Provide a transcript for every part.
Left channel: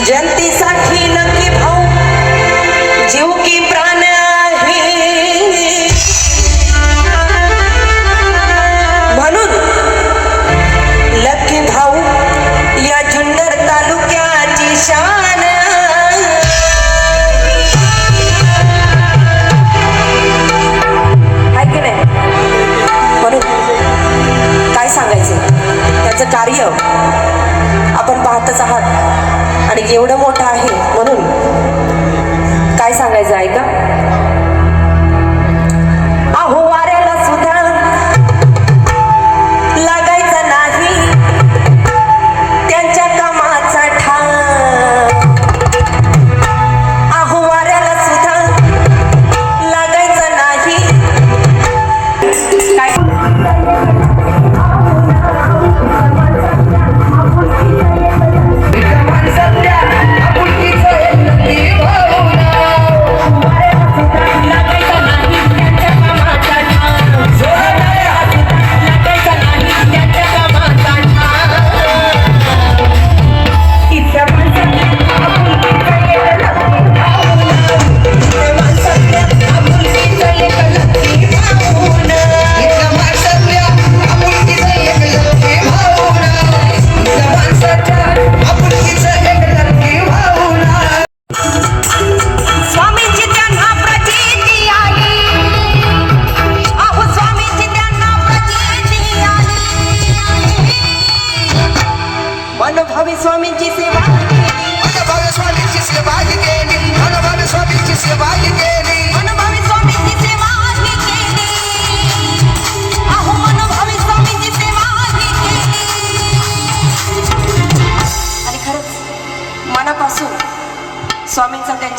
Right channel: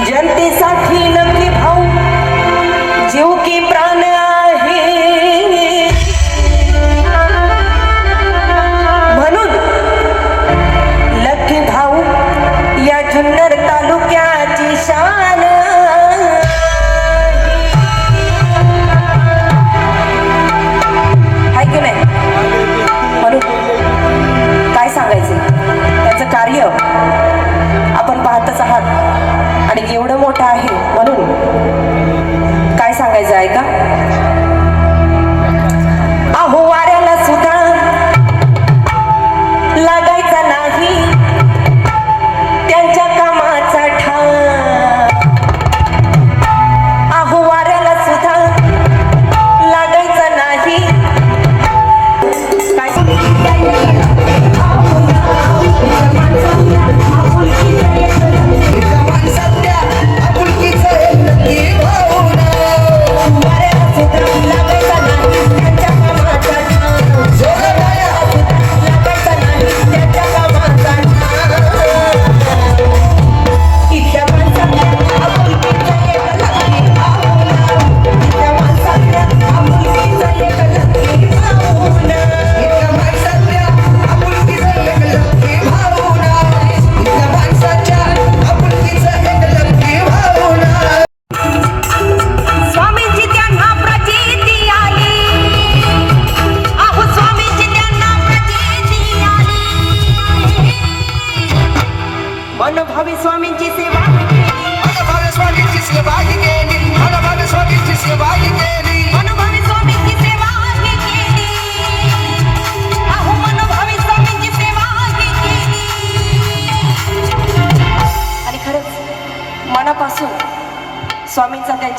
Presidente.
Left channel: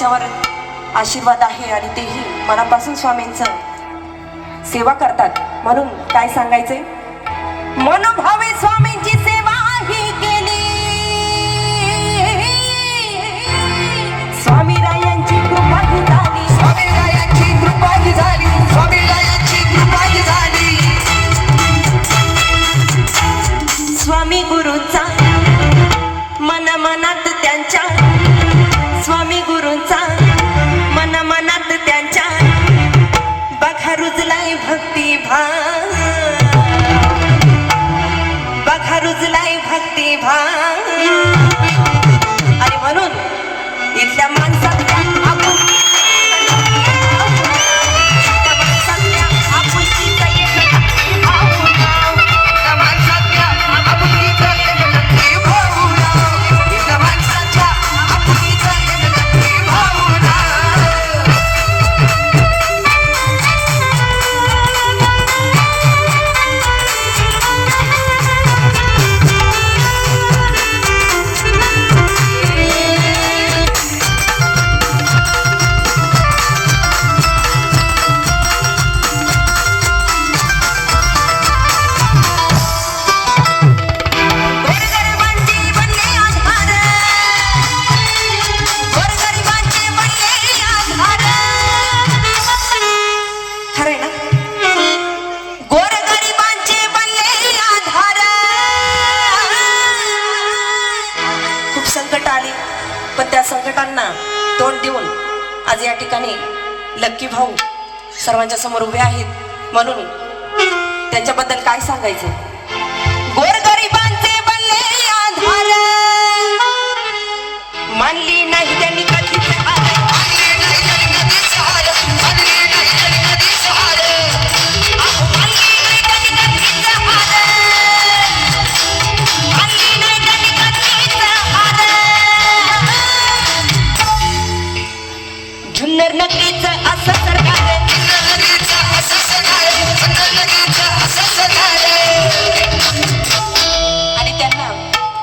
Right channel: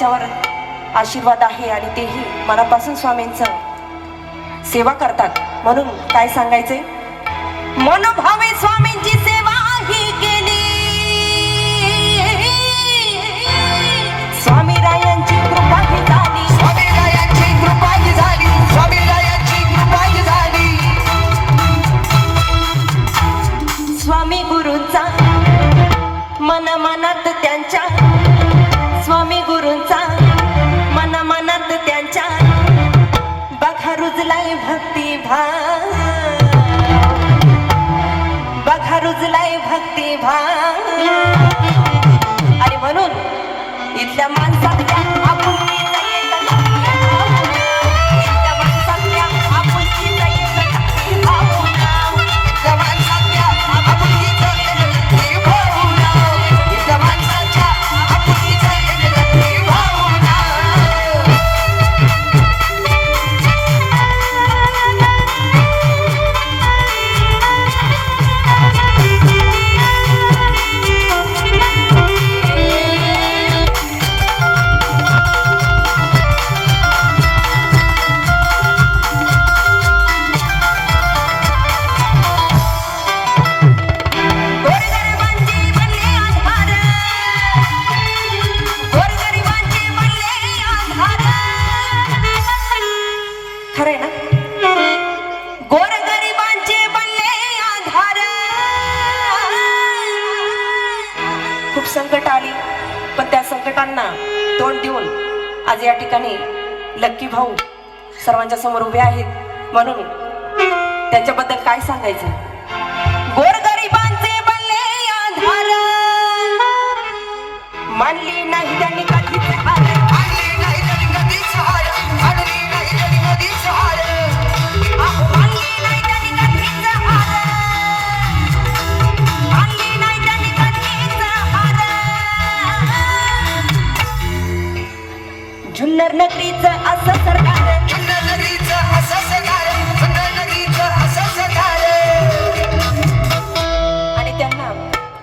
त्यांच्यावर आशीर्वाद आहे आणि तेही मनापासून स्वामींचा सेवा करतात. म्हणून काय सांगायचंय? मनभावे स्वामींची सेवा ही केली. स्वामी रायांची कृपा झाली. कृपा झाली. कृपा झाली. स्वामी गुरूंचा मन मनात কোথায় ठिकाणी लक्की भाऊ सर्वांच्या समोर उभे आहेत. म्हणून त्यांच्याबद्दल काय सांगायचं? गोरग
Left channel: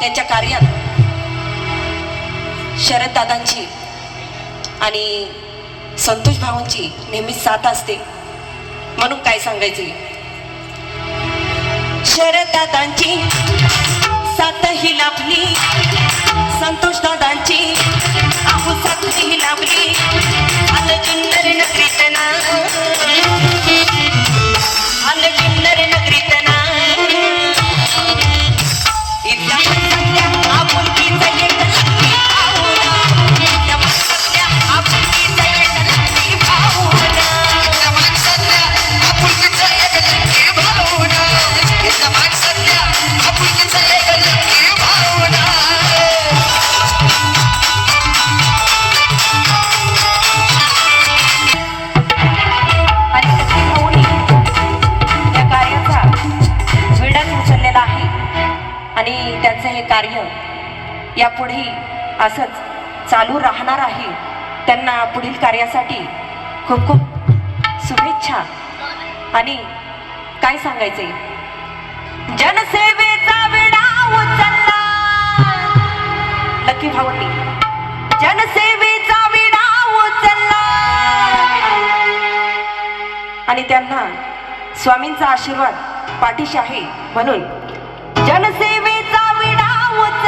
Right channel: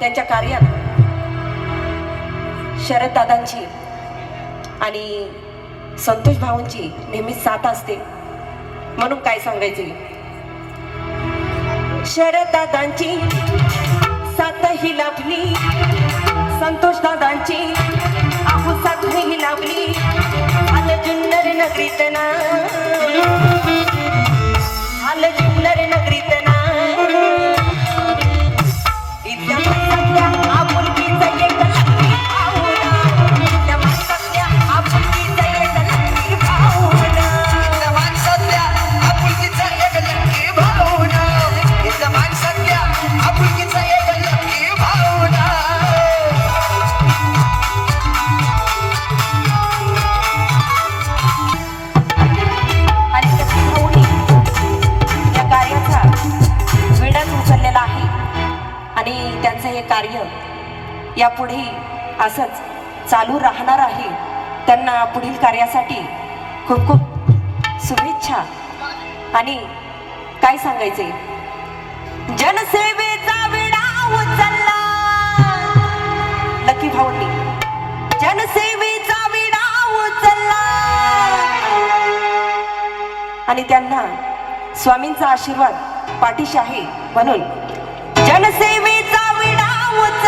त्यांच्या कार्यात शरद दादांची आणि संतोष भाऊंची नेहमीच साथ असते. म्हणून काय सांगायचे? शरद दादांची साथ ही लाभली. संतोष दादांची आहू साथ ही लाभली. आलं जुन्नर नगरीत ना. पुढे असंच चालू राहणार आहे. त्यांना पुढील कार्यासाठी खूप खूप शुभेच्छा. आणि काय सांगायचे? जनसेवेचा विडा उचलला. लकी भाऊंनी. जनसेवेचा विडा उचलला. आणि त्यांना स्वामींचा आशीर्वाद पाठीशी आहे म्हणून जनसेवेचा विडा उचल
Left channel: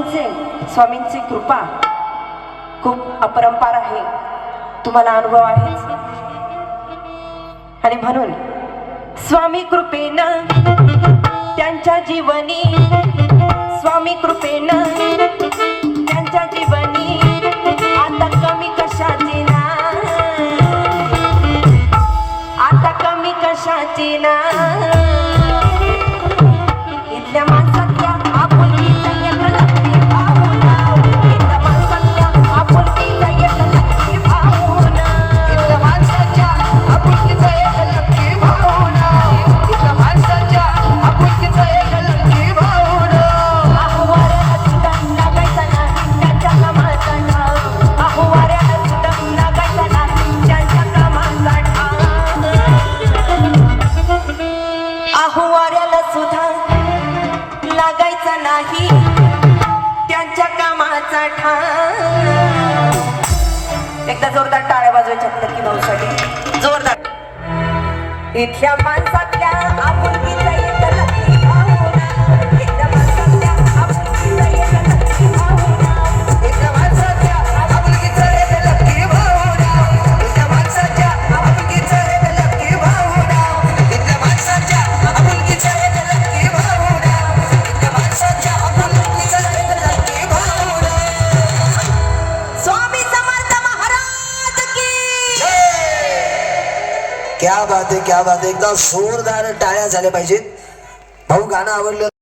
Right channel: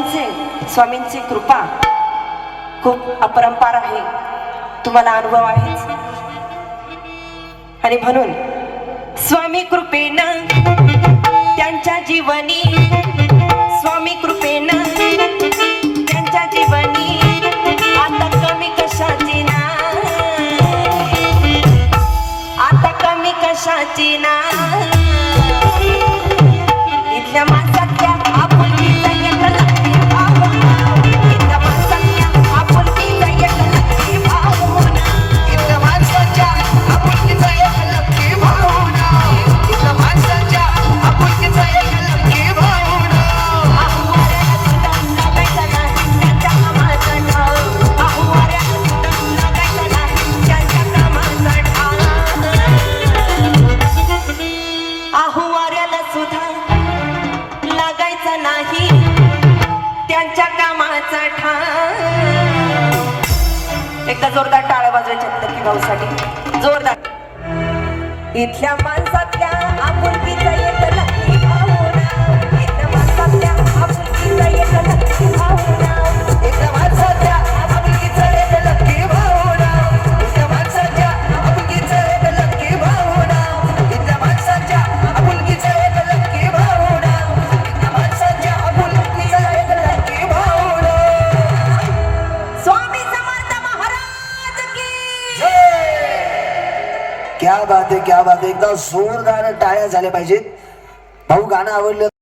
स्वामींचे स्वामींचे कृपा खूप अपरंपार आहे. तुम्हाला अनुभव आहेच. आणि म्हणून स्वामी कृपेनं त्यांच्या जीवनी स्वामी कृपेनं त्यांच्या जीवनी मनाचा ठाण एकदा जोरदार टाळ्या बाजूच्या की जोरदार. इथल्या माणसात एकदा जोरदार टाळ्या झाल्या पाहिजेत. भाऊ गाणं आवडलं.